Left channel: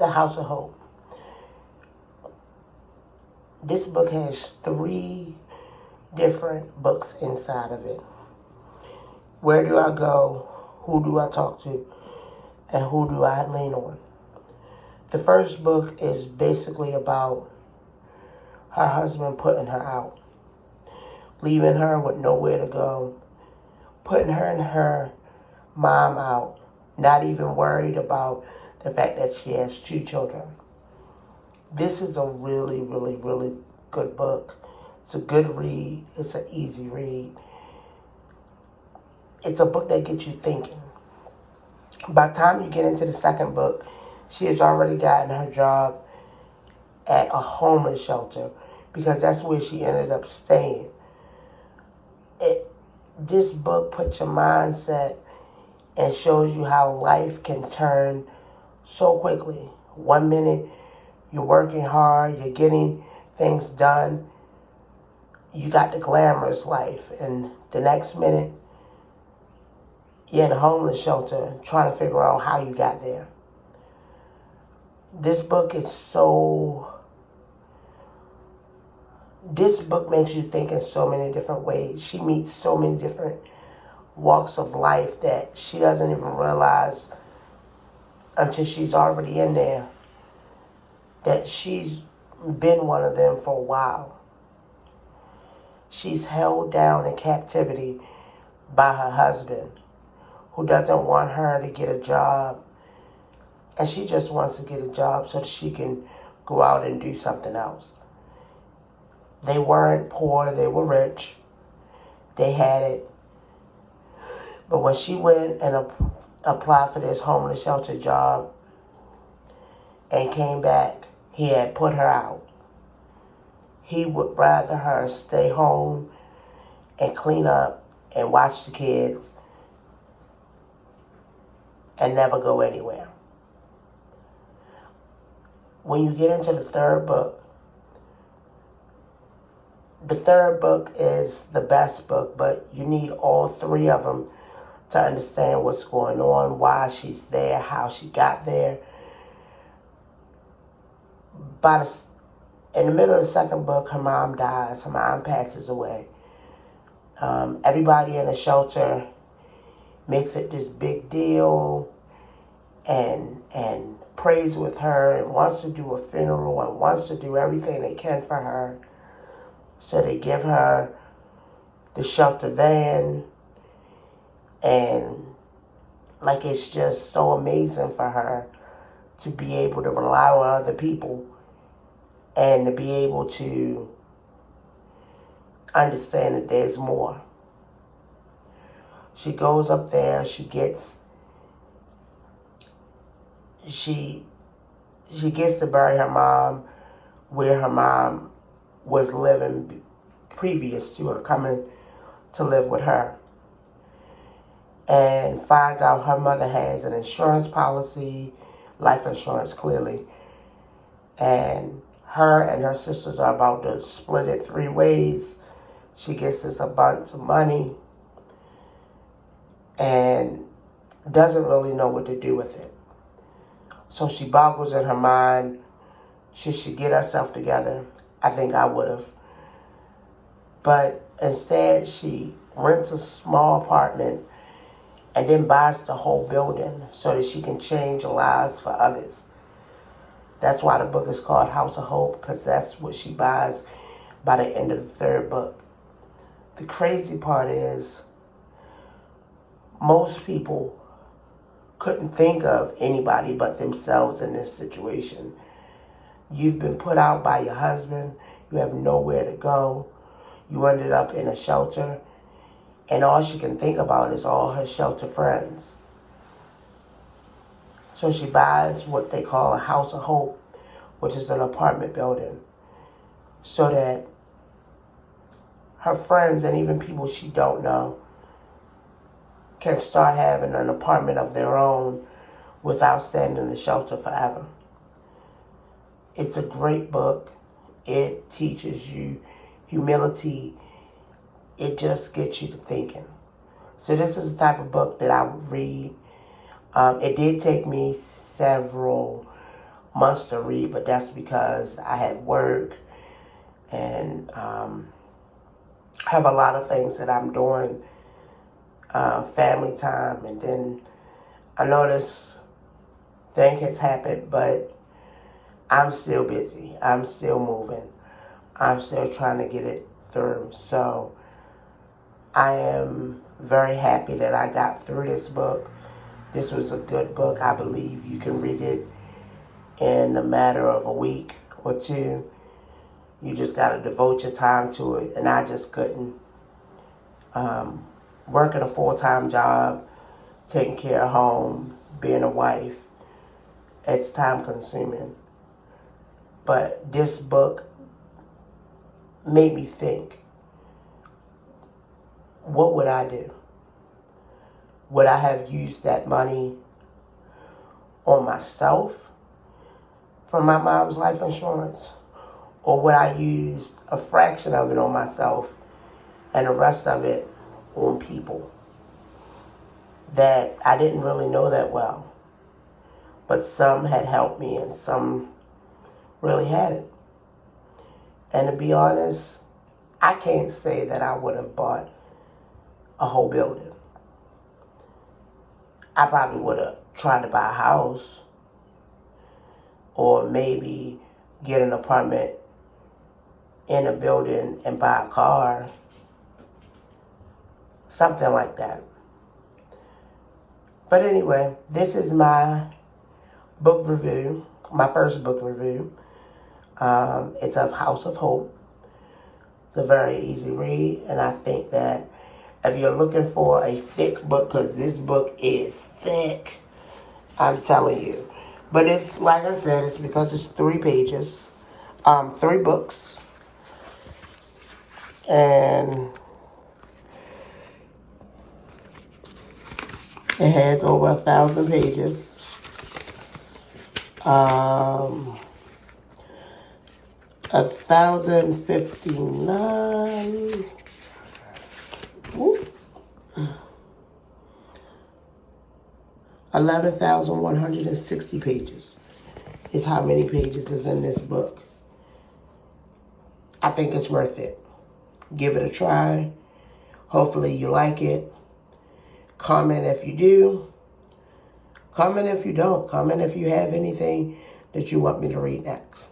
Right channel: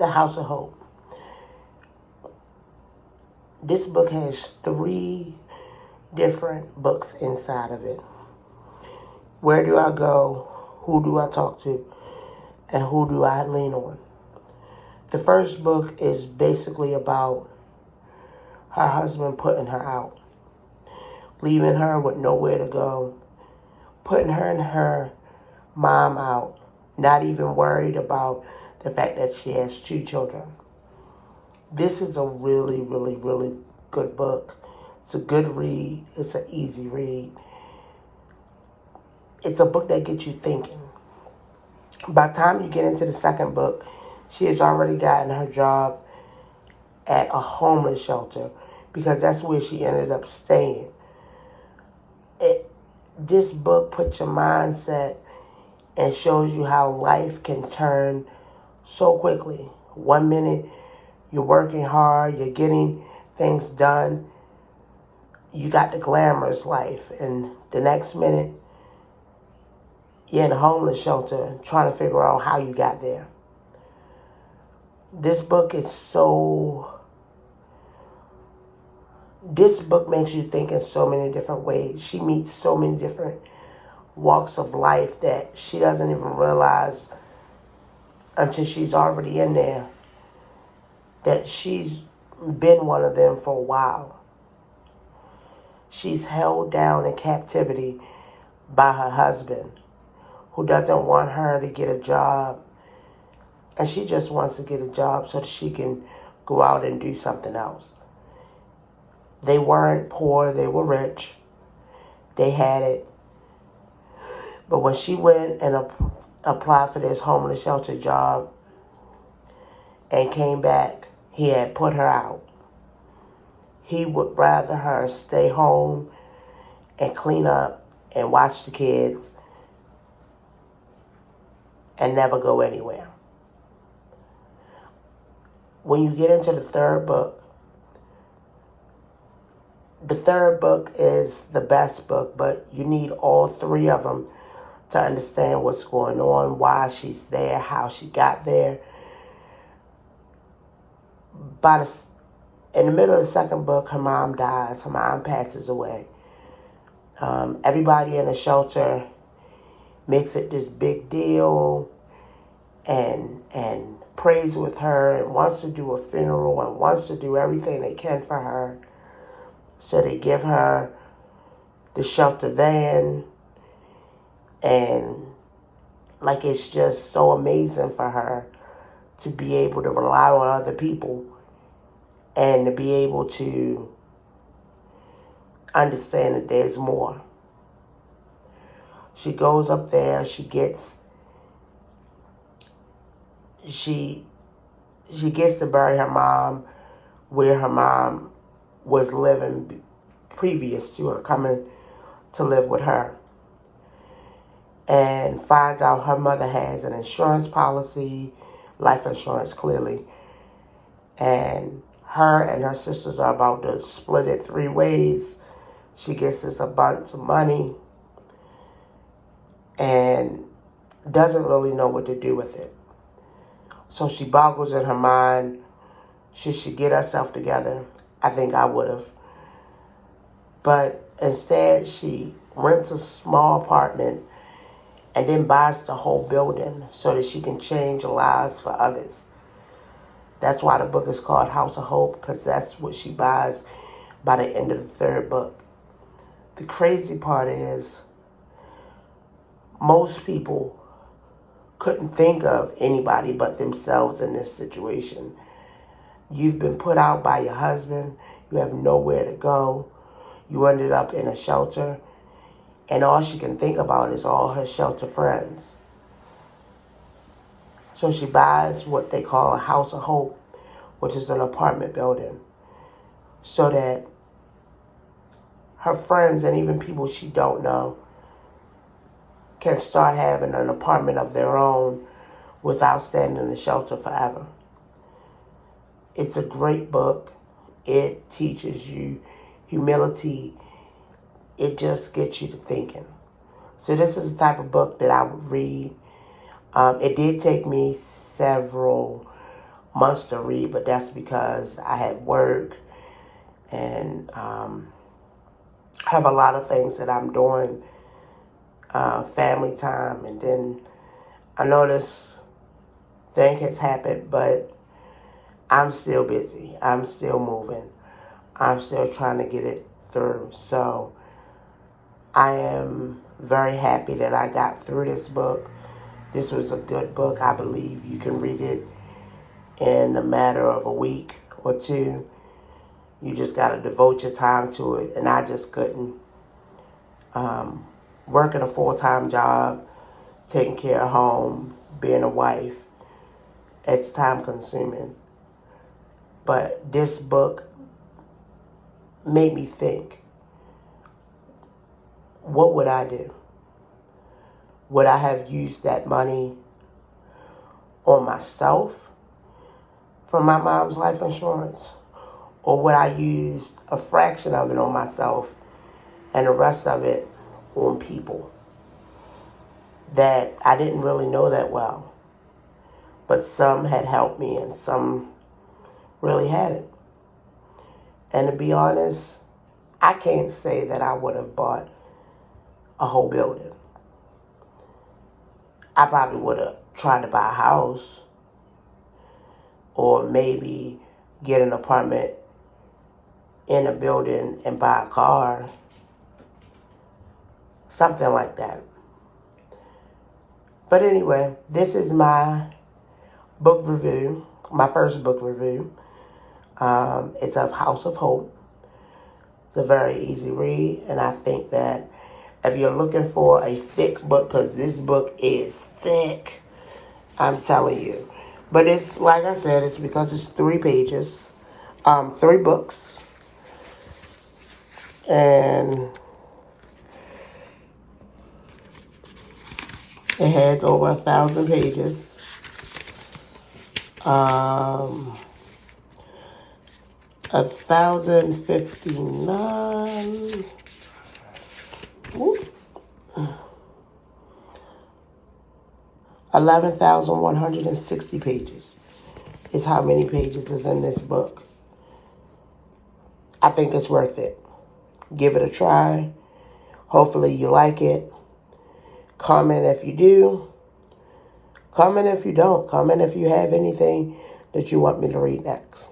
The House of Hope. This book has 3 different books inside of it. Where do I go? Who do I talk to? And who do I lean on? The first book is basically about her husband putting her out, leaving her with nowhere to go, putting her and her mom out, not even worried about the fact that she has 2 children. This is a really, really, really good book. It's a good read. It's an easy read. It's a book that gets you thinking. By the time you get into the second book, she has already gotten her job at a homeless shelter because that's where she ended up staying. This book puts your mindset and shows you how life can turn so quickly. One minute you're working hard, you're getting things done, you got the glamorous life, and the next minute you're in a homeless shelter trying to figure out how you got there. This book makes you think in so many different ways. She meets so many different walks of life that she doesn't even realize until she's already in there that she's been one of them for a while. She's held down in captivity by her husband, who doesn't want her to get a job, and she just wants to get a job so that she can go out and do something else. They weren't poor, they were rich. They had it. But when she went and applied for this homeless shelter job and came back, he had put her out. He would rather her stay home and clean up and watch the kids and never go anywhere. When you get into the third book is the best book, but you need all 3 of them to understand what's going on, why she's there, how she got there. In the middle of the second book, her mom dies. Her mom passes away. Everybody in the shelter makes it this big deal and prays with her and wants to do a funeral and wants to do everything they can for her. So they give her the shelter van, and like it's just so amazing for her to be able to rely on other people and to be able to understand that there's more. She goes up there, she gets to bury her mom where her mom was living previous to her coming to live with her, and finds out her mother has an insurance policy, life insurance clearly, and her and her sisters are about to split it 3 ways. She gets this a bunch of money and doesn't really know what to do with it. So she boggles in her mind, should she get herself together? I think I would have. But instead, she rents a small apartment and then buys the whole building so that she can change lives for others. That's why the book is called House of Hope, because that's what she buys by the end of the third book. The crazy part is most people couldn't think of anybody but themselves in this situation. You've been put out by your husband. You have nowhere to go. You ended up in a shelter. And all she can think about is all her shelter friends. So she buys what they call a House of Hope, which is an apartment building, so that her friends and even people she don't know can start having an apartment of their own without staying in the shelter forever. It's a great book. It teaches you humility. It just gets you to thinking. So this is the type of book that I would read. It did take me several months to read, but that's because I had work and have a lot of things that I'm doing, family time, and then I know this thing has happened, but I'm still busy. I'm still moving. I'm still trying to get it through. So I am very happy that I got through this book. This was a good book. I believe you can read it in a matter of a week or two. You just got to devote your time to it. And I just couldn't. Working a full-time job, taking care of home, being a wife, it's time consuming. But this book made me think, what would I do? Would I have used that money on myself from my mom's life insurance? Or would I use a fraction of it on myself and the rest of it on people that I didn't really know that well? But some had helped me and some really hadn't. And to be honest, I can't say that I would have bought a whole building. I probably would have tried to buy a house or maybe get an apartment in a building and buy a car. Something like that. But anyway, this is my book review, my first book review. It's of House of Hope. It's a very easy read, and I think that if you're looking for a thick book, because this book is thick, I'm telling you. But it's, like I said, it's because it's 3 pages, 3 books, and it has over 1,000 pages. 1,059. Whoop. 11,160 pages is how many pages is in this book. I think it's worth it. Give it a try. Hopefully you like it. Comment if you do. Comment if you don't. Comment if you have anything that you want me to read next.